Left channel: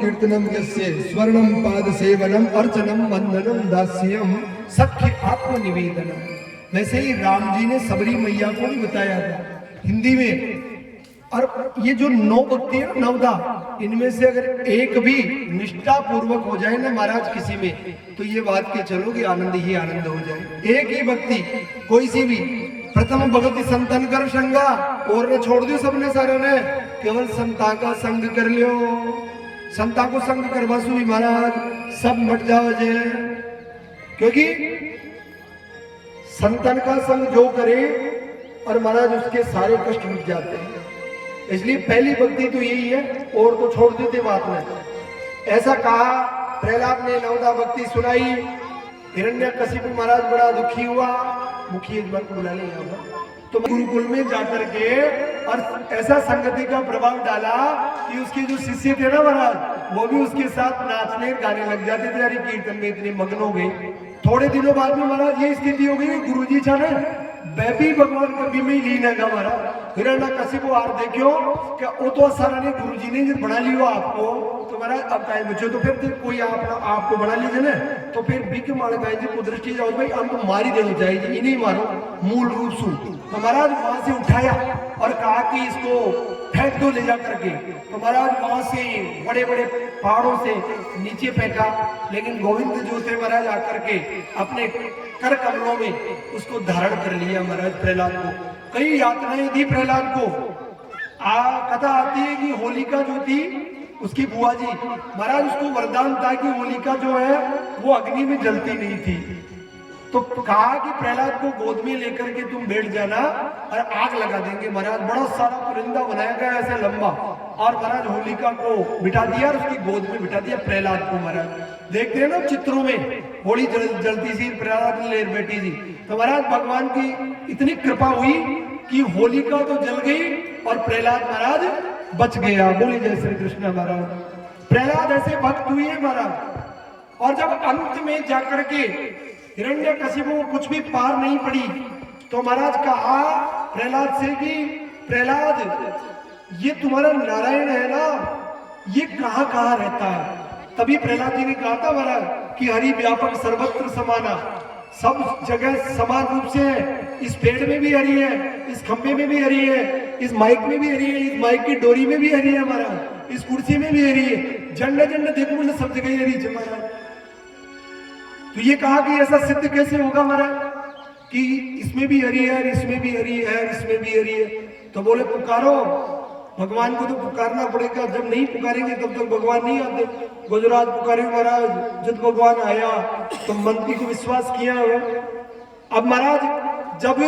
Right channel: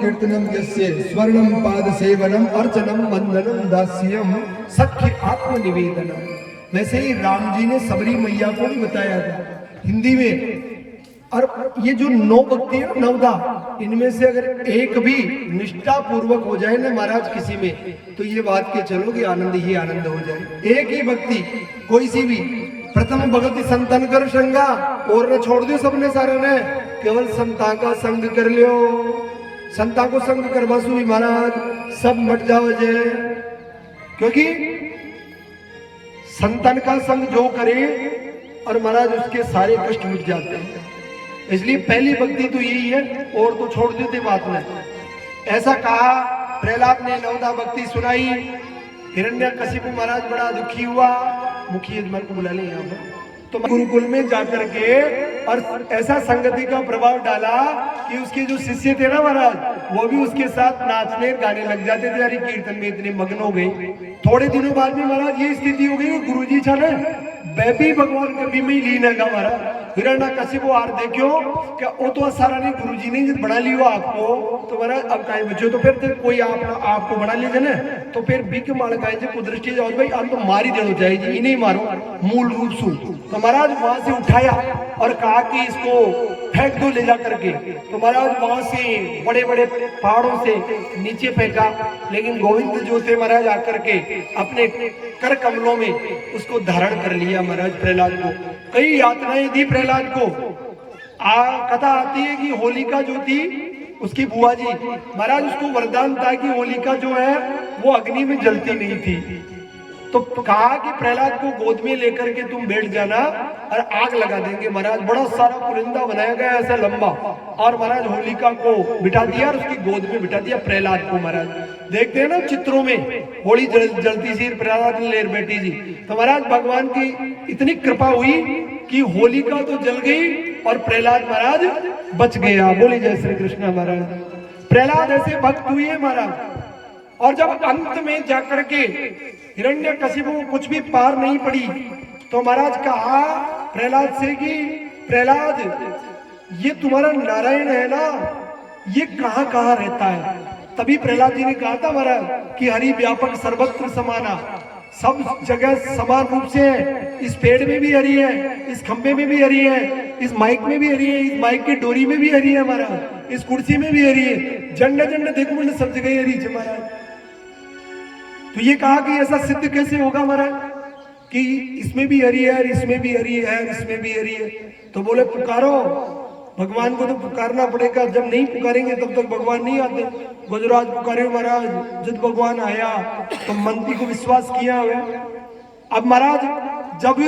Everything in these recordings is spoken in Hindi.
कीर्तनम यस्य स्वर्णम पाद सेवनम अर्चनम वंदनम दास्यम सख्य आत्मनिवेदनम। वैसे ही राम जी ने सबरी मैया को भी बताया था हिंदी में। और ये जो 9 भक्ति है नवदा, इनमें से अगर एक भी निष्ठा पूर्वक हो जाए ना महाराज किसी में, तो ये बात के चलो कि आनंद ही आनंद हो जाए। एक ही भक्ति कोई सी भी, प्रथम भक्ति संतन कर संगा, और न छोड़ दियो सबने सारे ने, केवल संता का संग कर लियो। संता को संग कर बसु महाराज सब मट जाओ जे, क्योंकि संतन का संग जो करे और महाराज उसके सारे कष्ट मिट जाते हैं। इसलिए पहली भक्ति तो यही है, और तो छोड़ देते बात में। ऐसा कहा प्रहलाद ने, नवदा भक्ति सुनाई। हिरण्यकशिपु महाराज बड़ा दुखी हुआ, मुखी यजमान को बुला लिया तो गुरुकुल में जाकर के और ऐसा संगति का प्रभाव डाला कि उसके जो शिष्य थे ना महाराज, वो भी उसके साथ नाचने गाने लग जाते थे। हरि कीर्तन में इतने मग्न हो गए। थोड़े दिनों बाद में महाराज ये स्थिति हो गई, गुरु जी छा बैबी भगवान कभी में लीन है महाराज। हिरण्यकशिपु आर देखियो क्या वो तो सारा ने गुरु जी ने बना लियो आपको, तो महाराज अब कहीं बच्चों तो फिर कोई आपको बना लीजिए ना, तो फिर बिक माल कहे दृष्टि जाओ भाई हम तो मार ही देना चाहिए, इन्हें मारो मूल रूप से। तो महाराज वहां से उठाया और कहा कि इसको फेंक दो ले जा करके। तो महाराज वहां से बड़े बड़े पहाड़ों से नीचे फेंका, लेकिन गोविंद जो थे महाराज आकर के अपने कर कमलों में उसको धारण कर लिया महाराज प्रहलाद को। कई यातनाएं दी प्रहलाद को। कथा आती है कि होलिका जो थी उसकी बुआ जी महाराज, उसको वरदान था कि होलिका जो है वो अग्नि में जलती नहीं थी। तो कहा कि प्रहलाद को गोद में लेकर के तुम बैठ जाना और आग लगा देंगे। महाराज बड़ा सारा पुरिंदा बनाया गया ऐसा लंबा, और महाराज होलिका को बिठा दिया और उसकी गोद में बिठा दिया प्रहलाद को। महाराज देखते हैं ना चित्रों में, होली जलती सी प्रहलाद लेर बैठी जी। तो महाराज भगवान की इतनी कृपा हुई कि होलिका तो जल गई और प्रहलाद महाराज बच गया। बोले जय श्री कृष्ण। महाराज प्रहलाद ऐसे भक्त हुए महाराज। और जब अंत में जाकर के हिरण्यकशिपु को कुछ भी पार नहीं पड़ी, तो महाराज कहा प्रहलाद से कि प्रहलाद ये तुम्हारा नारायण है ना, ये कहां कहां रहता है। तभी प्रहलाद जी ने कहा था महाराज कि हरि व्यापक सर्वत्र समाना, सब जगह समान रूप से है। इस पेड़ में भी हरि है, इस खंबे में भी हरि है, इस माइक में भी हरि है, इस माइक की डोरी में भी हरि है महाराज, इस कुर्सी में भी हरि है, जन्नत जन्नत देखो सब जगह हरि है महाराज। तो ये कहा कि ऐसा सिद्ध कैसे होगा महाराज कि इसमें भी हरि है, इसमें भी हरि है, इसमें भी हरि है। तो बोले पुकारो भगवान को, तो पुकारना पड़ेगा। जब नहीं पुकारेंगे तब तक भगवान नहीं आते। गुजरात पुकारे महाराज, जब भगवान आया तो मंत्री को विश्वास किया हुआ। अब महाराज जब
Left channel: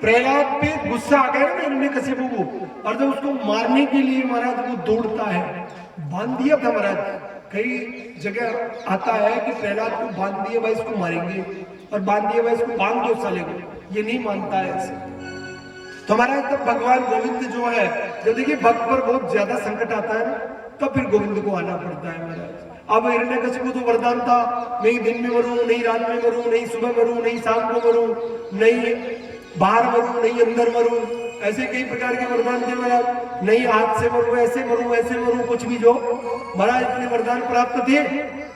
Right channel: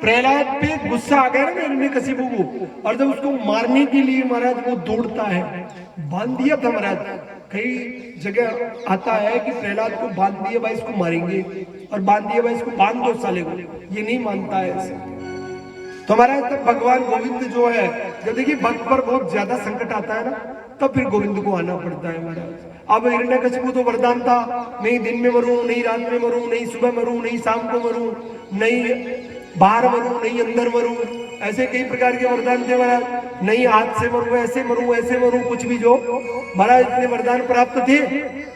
प्रहलाद पे गुस्सा आ गया ना हिरण्यकशिपु को, और जब उसको मारने के लिए महाराज वो दौड़ता है, बांध दिया था महाराज। कई जगह आता है कि प्रहलाद को बांध दिया भाई इसको मारेंगे, और बांध दिया भाई इसको बांध दो साले को, ये नहीं मानता है ऐसे। तो महाराज तब भगवान गोविंद जो है, जब देखिए भक्त पर बहुत ज्यादा संकट आता है ना, तब फिर गोविंद को आना पड़ता है महाराज। अब हिरण्यकशिपु तो वरदान था, नहीं दिन में मरूं, नहीं रात में मरूं, नहीं सुबह मरूं, नहीं शाम को मरूं, नहीं बाहर मरूं, नहीं अंदर मरूं, ऐसे कई प्रकार के वरदान थे महाराज। नहीं हाथ से मरूं, ऐसे मरूं, ऐसे मरूं, कुछ भी जो महाराज इतने वरदान प्राप्त थे।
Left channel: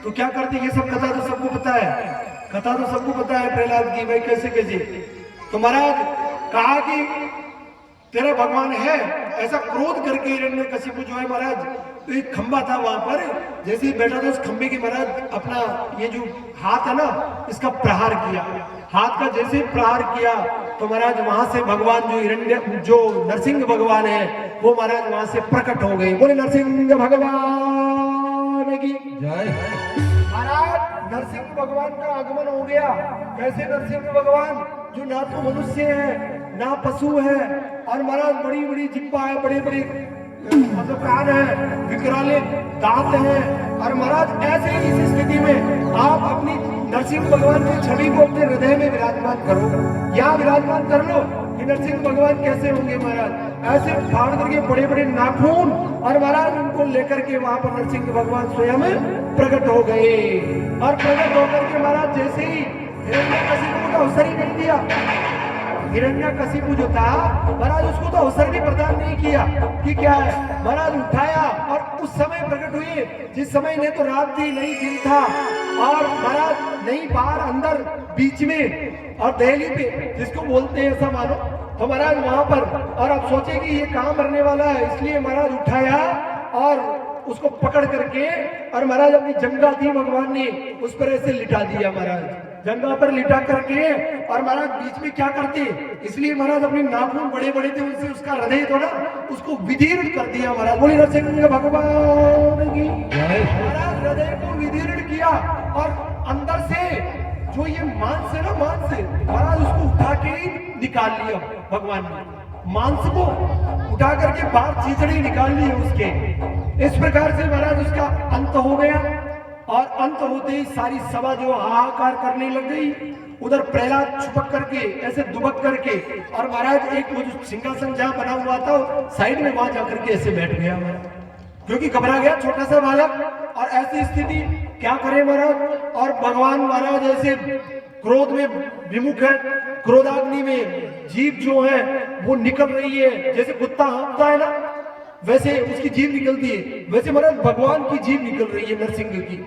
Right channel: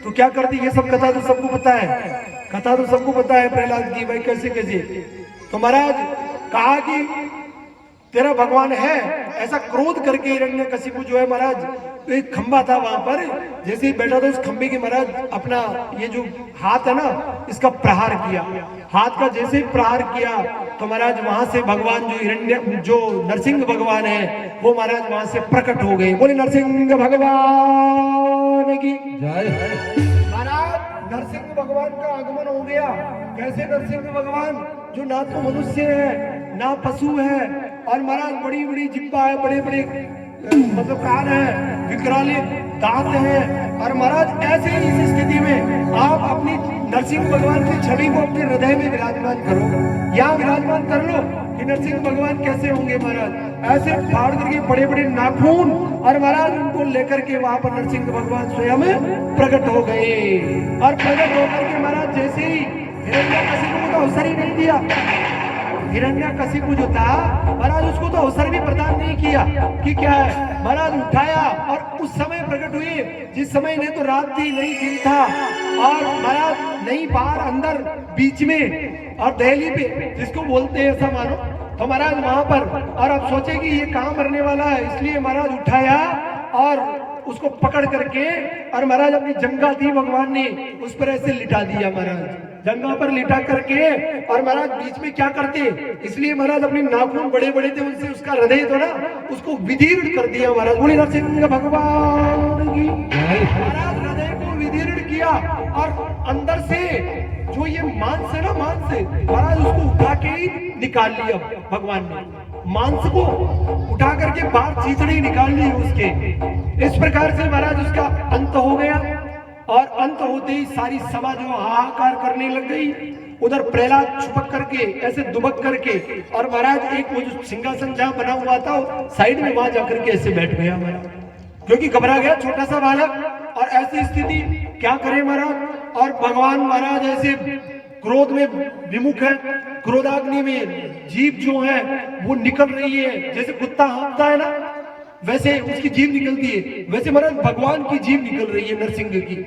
तो क्या करते, ये सब कथा तो सबको पता है, कथा तो सबको पता है प्रहलाद की भाई कैसे कैसे। तो महाराज कहा कि तेरा भगवान है, ऐसा क्रोध करके हिरण्यकशिपु जो है महाराज, तो एक खंबा था वहां पर, जैसे ही बैठा था उस खंबे के महाराज अपना ये जो हाथ है ना इसका प्रहार किया। हाथ का जैसे ही प्रहार किया तो महाराज वहां से भगवान जो नरसिंह भगवान है वो महाराज वहां से प्रकट हो गए। बोले नरसिंह भगवान की जय। महाराज नरसिंह भगवान का आगमन हो गया। कैसे नरसिंह भगवान, जो ना तो मनुष्य है ना पशु है, और महाराज बड़ी बड़ी जिब्बा है, बड़े बड़े मतलब कान है, विकराले दांत है। और महाराज ऐसे ही इस स्थिति में आप अपनी नरसिंह भगवान की छवि को अपने हृदय में विराजमान करो, यहाँ विराजमान कर लो कि नरसिंह भगवान कैसे होंगे महाराज। ऐसे फाड़ करके बड़े बड़े नाखून, और महाराज उनको लेकर के वहां पर नरसिंह भगवान स्वयं प्रकट हो गए। और प्रकट होकर के महाराज जैसे ही हिरण्यकशिपु को अवसर ही नहीं दिया, हिरण्यकशिपु जो था महाराज, उसको तो अवसर भी प्रदान नहीं किया कि क्या है महाराज, उठाया और उस समय प्रकट हुई जिस समय ने तो रात थी नहीं दिन था, और महाराज नहीं बाहर अंदर बीच में और दहली पे जिसको बोलते हैं ऐसा मानो, तो महाराज वहां पर, और आप सोचे कि ये कहां मरने वाला है, इसलिए महाराज उठाया और उसको पकड़ करके और महाराज अपनी जंगा दी भगवान ने उस पर ऐसे लिटा दिया महाराज, जंगा पर लिटा करके, और महाराज बीच में क्या करते, इसलिए महाराज अपने नाखून बड़े बड़े थे उनसे उसका हृदय थोड़ा उसको विदीर्ण कर दिया महाराज। बोली नरसिंह भगवान की महाराज, हृदय को विदीर्ण किया और अंदर से जो ये मांस है ना, मांस से महाराज उसको उठा के ही निकाल लिया भगवान ने, मांस को उठा करके बाहर चीचड़ी निकाल ली उसके। इस प्रकार से महाराज उसका अंत हो गया, और अंत होते ही सारी सभा जो हाहाकार करने लग गई, उधर प्रहलाद छुपक करके ऐसे दुबक करके, और महाराज एक वो जो सिंहासन जहां बना हुआ था साइड में वहां जाकर के ऐसे बैठ गया महाराज, क्योंकि घबरा गया छोटा सा बालक, और ऐसी स्थिति क्या करे महाराज। और भगवान महाराज ऐसे क्रोध में विमुख है, क्रोधाग्नि में जीभ जो है वो निकल रही है, जैसे कुत्ता हाँफता है ना वैसे उसकी जीभ निकलती है, वैसे महाराज भगवान की जीभ निकल रही है नरसिंह की,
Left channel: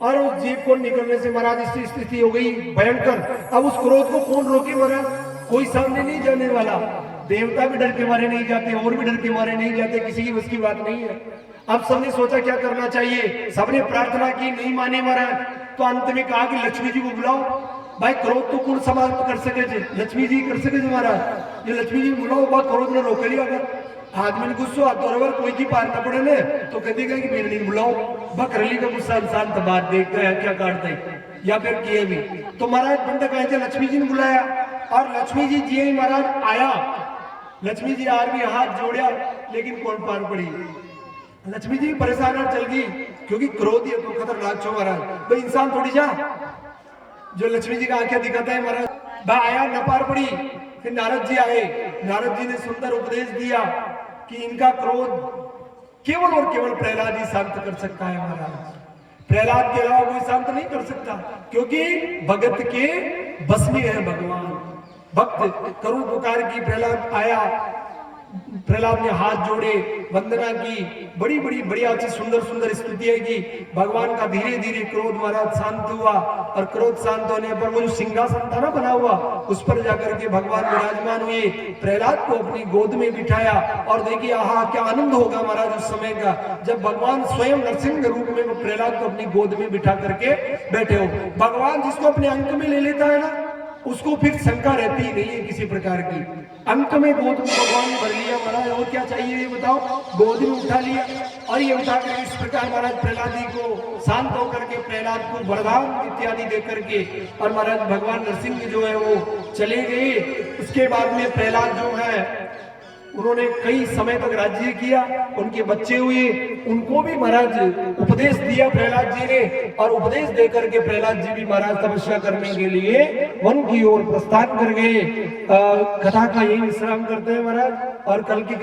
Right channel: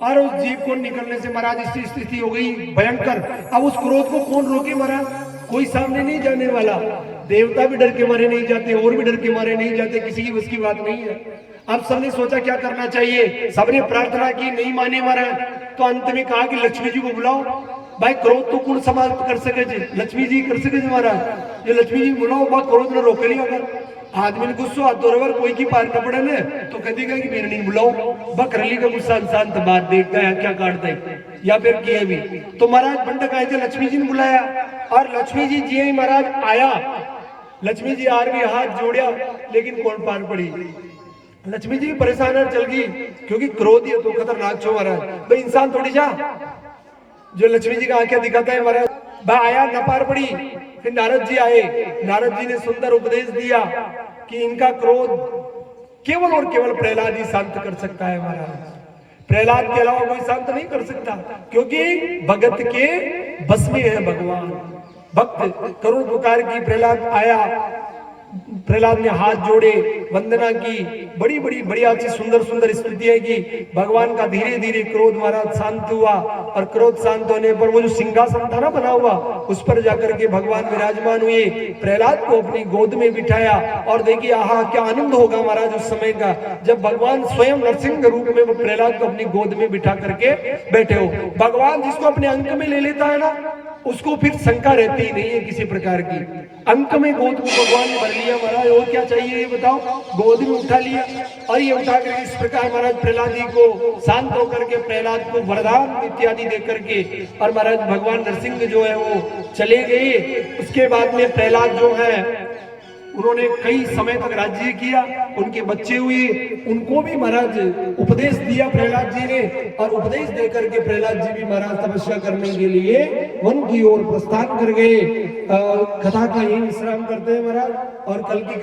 और उस जीभ को निकलने से महाराज इसकी स्थिति हो गई भयंकर। अब उस क्रोध को कौन रोके महाराज, कोई सामने नहीं जाने वाला, देवता भी डर के मारे नहीं जाते और भी डर के मारे नहीं जाते, किसी की बस की बात नहीं है। अब सबने सोचा क्या करना चाहिए, सबने प्रार्थना की, नहीं माने महाराज, तो अंत में कहा कि लक्ष्मी जी को बुलाओ। भाई क्रोध तो कौन समाप्त कर सके थे, लक्ष्मी जी कर सके महाराज, ये लक्ष्मी जी बुलाओ, बात क्रोध ने रोक लिया। अगर आदमी ने गुस्सो हाथ तोड़े कोई की पार न पड़े ने तो कह देगा कि मेरे नहीं बुलाओ, बकरली का गुस्सा इंसान तो बात देखता है क्या काटते या फिर किए भी। तो महाराज बंधक आए थे, लक्ष्मी जी ने बुलाया, और लक्ष्मी जी जी महाराज आया, लक्ष्मी जी आर भी हाथ जोड़िया, लेकिन कौन पार पड़ी, लक्ष्मी जी परेशान चल गई, क्योंकि क्रोध है तो खतरनाक छो महाराज, भाई इंसान थोड़ी जा जो लक्ष्मी जी का आंखें दिखाता है महाराज। भाई आया न पार पड़ी, फिर नारद जी आए, नारद जी ने सुंदर उपदेश दिया कि इनका क्रोध केवल और केवल प्रहलाद ही शांत कर सकता है महाराज, प्रहलाद के अलावा कोई शांत नहीं कर सकता, क्योंकि भगत के बस में है भगवान। भक्त करुण पुकार की, प्रहलाद आया, प्रहलाद ने हाथ जोड़े, वंदना की, बड़ी बड़ी बढ़िया सी सुंदर सुंदर स्तुतियां की, भगवान का धीरे धीरे क्रोध महाराज शांत हुआ, और क्रोध शांत होने पर वो जो सिंहासन था ना बना हुआ उस पर जाकर के भगवान विराजमान हुए, प्रहलाद को अपनी गोद में बिठाया, और देखिए आहा क्या आनंद होगा महाराज उस समय का, जब भगवान स्वयं नरसिंह के रूप में वो प्रहलाद को अपनी गोद में बिठा करके बैठे हो। भगवान जिसको अपने अंक में ले लेता है ना उसको फिर शंका रहती ही नहीं है किसी प्रकार की, अंक में गोद में भगवान ने भर लिया महाराज, और क्या चाहिए ये बताओ, गोद में उठा लिया, और ये उठा कर इस प्रकार महाराज प्रहलाद जी को शांत होकर के प्रहलाद को वरदान इत्यादि दे करके, और महाराज भगवान नरसिंह जो है वो चले गए। उसके बाद में प्रहलाद जो है उन्होंने कई समय तक राज्य किया, उनके बच्चे हुए, उनको भी महाराज उपदेश दिया प्रहलाद जी ने, और उपदेश देकर के प्रहलाद जी भी महाराज तपस्या करने के लिए वन की ओर प्रस्थान कर गए। कथा का यही विश्राम करते हैं महाराज, और कल की